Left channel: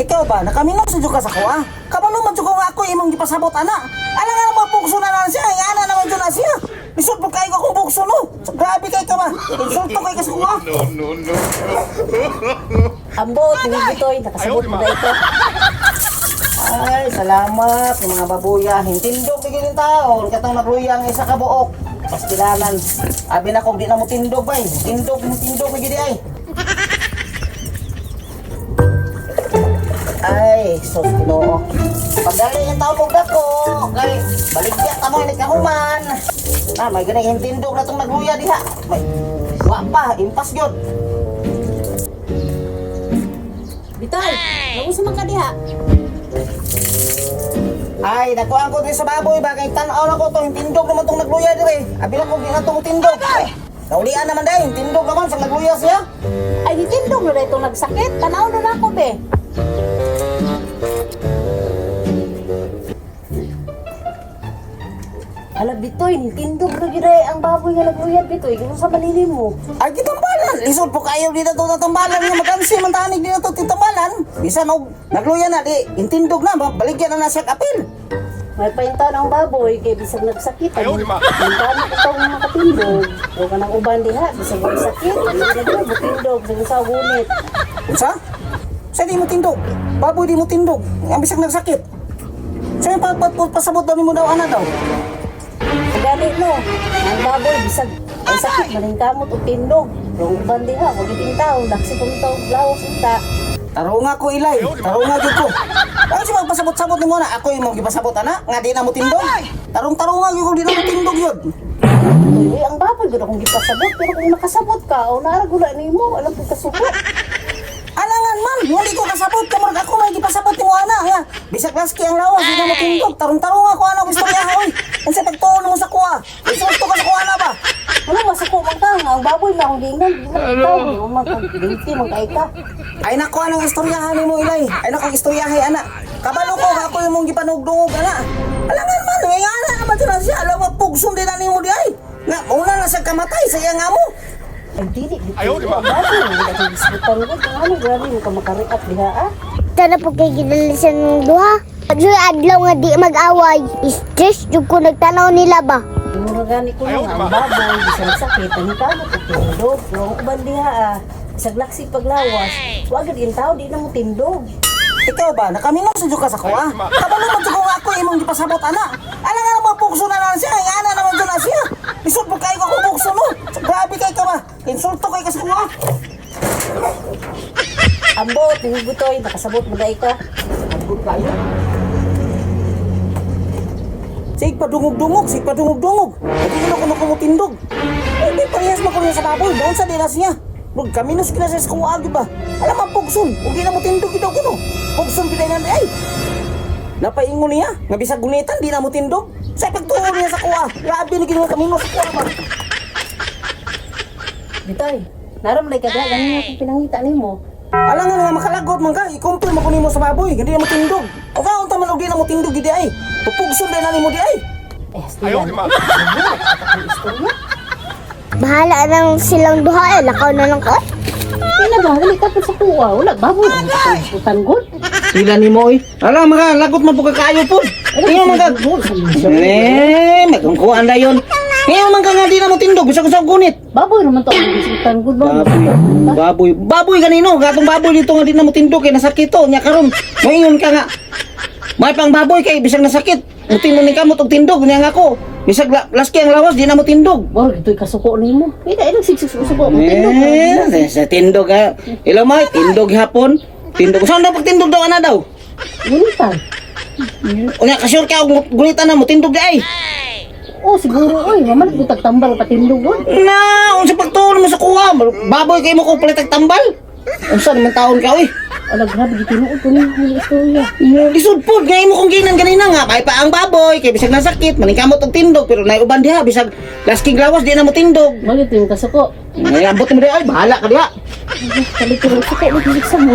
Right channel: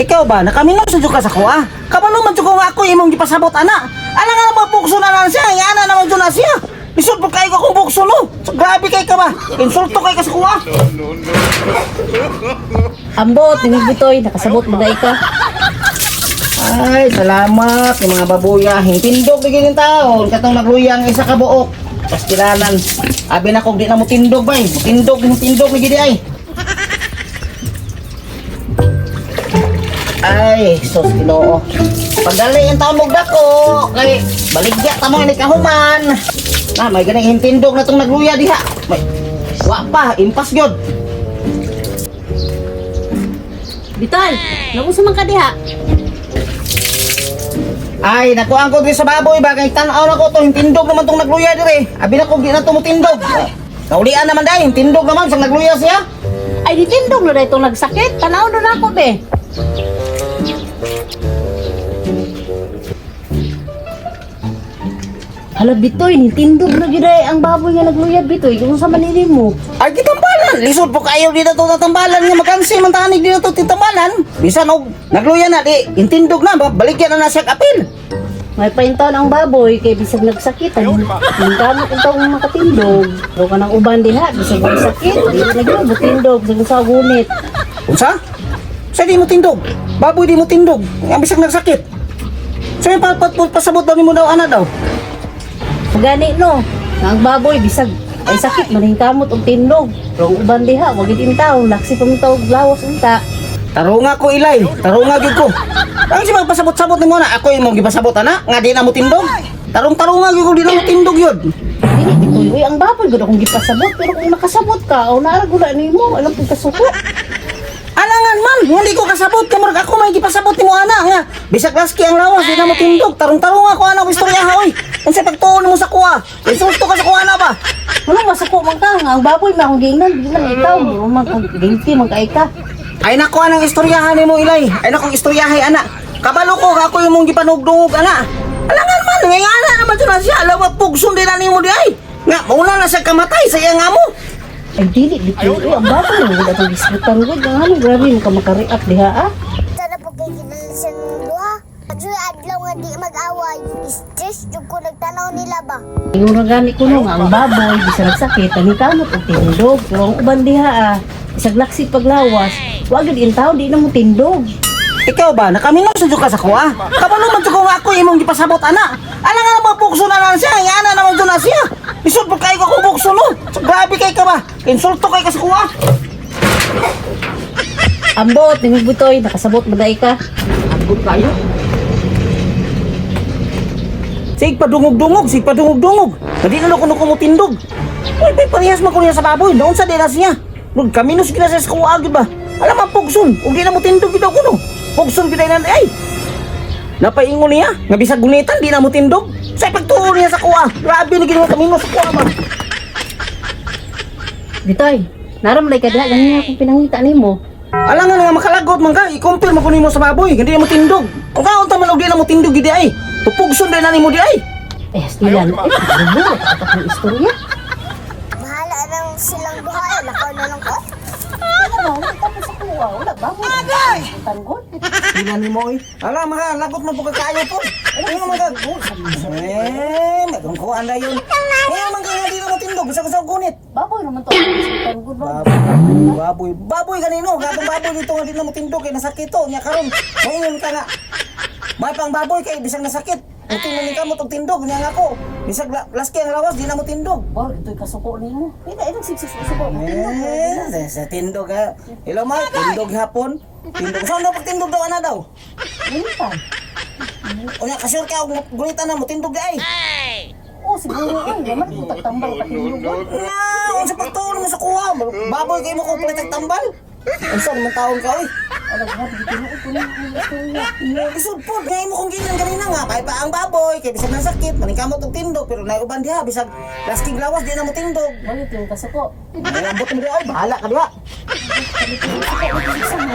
Ikaw ba, nakaminom sa ka sa kuha? Kabalo man ko nga ako imong gipasabot ana. Ala nga naman bukso na siya, nga ana naman doon na siya. Lisod po kayo akong bukso no. So, grabe kay ka ba? Insulto kay ka sa kuha. Ambot, ni Bitoy, nakasabot mo na ito. Ay, salamat yung mga babuya. Hintindog bigyan ng taon. Katong nagluyang isa ka buok. Pastilanan. Abi na kung di na mo tindog bay. Tindog bigyan ay. Ay, sus Ginoo. Pagdali ang taon mo dako. Kay baligya tamo ni kahuman. May ganang hintindog na tong nagluya diha. May wa pa, impas gyud. Bitoy, nagusa man ka diha. Ay, nakuhaan ko din sa baboy ba? Kaya tanaw na ko to, hintindog naman itong nagluya dire. Abi na kung di na tumutindog. Naulian naman dahil, hintindog naman sa nagluya siya. Ay, ditindog na ito nagsakit. Tanaw na ako, be. Hala, Bitoy, nitindog na gina ang baboy nga nagluya, Bitoy. Kung sa maninin mo. Ay, kitambalan. Lisod po kayo dito ito tatambalan. Nga makansi, mantanig dito ito titambalan. Bisan o, nagluya na, di, hintindog na, baligyan na siya kapil. May paintaon ang baboy, kay bisag nagsakit. Ayaw, di ba? Yung kamo kung taong makatindog. Huwag ka ng uban din ha, bisag nagsakit. Hindi na gano'n, butindog, bisag sa gunit. Unsa? Sa di mo tindog. Baboy di mo tindog. Ang bisag nagsakit. So yung pasabot daw ni mo daw, ana daw. Gani no, ang baboy bisag ay sakit maning kamot og tindog. Pero ang uban diha wag gid intaw, naksi pa mong tawag lawas unta. Tarunga ko ilay, tarunga gyud ko. Ang si magpasabot-sabot ni mo na, ako imong gipasabot ana, nga di na mo tindog. Tarung-tarunga gyud ko di na mo tindog yun. Uy, ang baboy gud akong gipasabot, pero kung nakasabot ka o naaragula nimo, alam kung kasuko. Alangan man, hindi ko kasabot kamurag ako may gipasabot ni mo ana nga. Bisag laski ang lawas, di na mo tindog. Tarung-tarunga ko ana ko istorya ha oy. Unsa pagtuon mo sa kuha? Insulto ka sa kuha na ba? Wala masako man ka nga ang baboy ma akong gingnan, di man itaw, man kang ginti man kay ka. Ay nako anang istoryahan nimo ilay. Ay nako istoryahay ana. Kabalo ko ako imong gipanugdungog ana. Alangan man, nga ana naman dyan na siya. Alam mo, pugsun din na nimo di ay. Nga, mauna na siya kamatay sa iyang amo. Ay dili dito. Ang baboy wala kang gisbitan gud, ano grabe mo ka maka-react diha ah. Sana po kay kinalisan ng duha. Pagsuy adlaw nga di mag-away. Stress jud ko nagtanaw nila ba. Yung ragani ko nga ang baboy bisag nagsakit, ang kamot og tindog. Pero ang uban diha ah, bisag laksi paglawas, wag gid intaw di na mo tindog. Ikaw ba, nakaminom sa ka sa kuha? Kabalo man ko nga ako imong gipasabot ana. Alang nga naman pugso na siya, nga ana naman doon na siya. Isod po kayo akong bukso no. So, grabe kay ka ba? Insulto kay ka sa kuha. Ambot, ni Butoy, nakasabot mo dai ka. Ambot kayo. Sig padungog-dungog, sig padungog-dungog. Hindi na ako kumutindog. Ay, parehas man ko niya sa baboy. Doon sa deras niya. Lord, kaminos kina sa kuha agad ba? Alam ang pugson. Kung di na mo tindog kita ko no. Pugson kita na ay. Napaingon niya. Nga bisag gunitan, di na mo tindog. Sa pagtuon niya sa kuha. Grabe na ginawa kaminos sa kuha man. Butoy, naram lay ka diha ganyan akong pinangita nimo. Alangan nga makalagot man ka. I-compare mo kunin mo sa baboy. Hindi na mo tindog. Kung kaunta man og di na mo tindog di ay. Pupugson din na ni mo di ay. Eh, ayaw di ma. Ang istorya. Bahala nang silang duha. Lakaw na lang ko. Wala ba? Wala ka pa sa kuha. Wala baboy. Tanggol. Sila ni mo oy. Alam mga lagot man po kakayo po. Iyo man ka. Magkungkuhan na yun. Iyo man ka nga di na mo tindog. Gusto ko sa gunit. Baboy naman to. Tanggol ba? Baboy. Baboy kanino. Gatong baboy dito nga di na mo tindog. Kaya nasakit to. Nya karon. Ngayon ka nga. May pang baboy kay bisag nasakit. Uting mo ni kamot og tindog. Nya nga ko. Bisag laski ang lawas di na mo tindog. Wow, ito'y kasuko nimo. Pwede, ay nagsiksik sa suko. Matindog na. Sa tindog ha. Ilo mo, tindog hapon. Tindog. Saan daw pag tindog daw ana daw? Gunitan. O nga, kasyur ka og gunitan na mo. Tindog di ay. Oh, siguro, oy, naman butag tambal patindog doon. Na, unsa pagtuon mo sa kuha? Baboy kay mo ko palit og tambal. Unsa naman taon ka oy? Ala, grabe, gitinuod ko na yung istorya. Lisod po, ngay mo kong ginan ganina nga kay pa ang baboy kay bisag nasakit, maningkamot og tindog pero nay uban diha bisag lasking lawas di na mo tindog. Bakit yung kasuko? Ay ambot mo di ay bahala ka diha. Kalit ko, suko, itilik sa mo.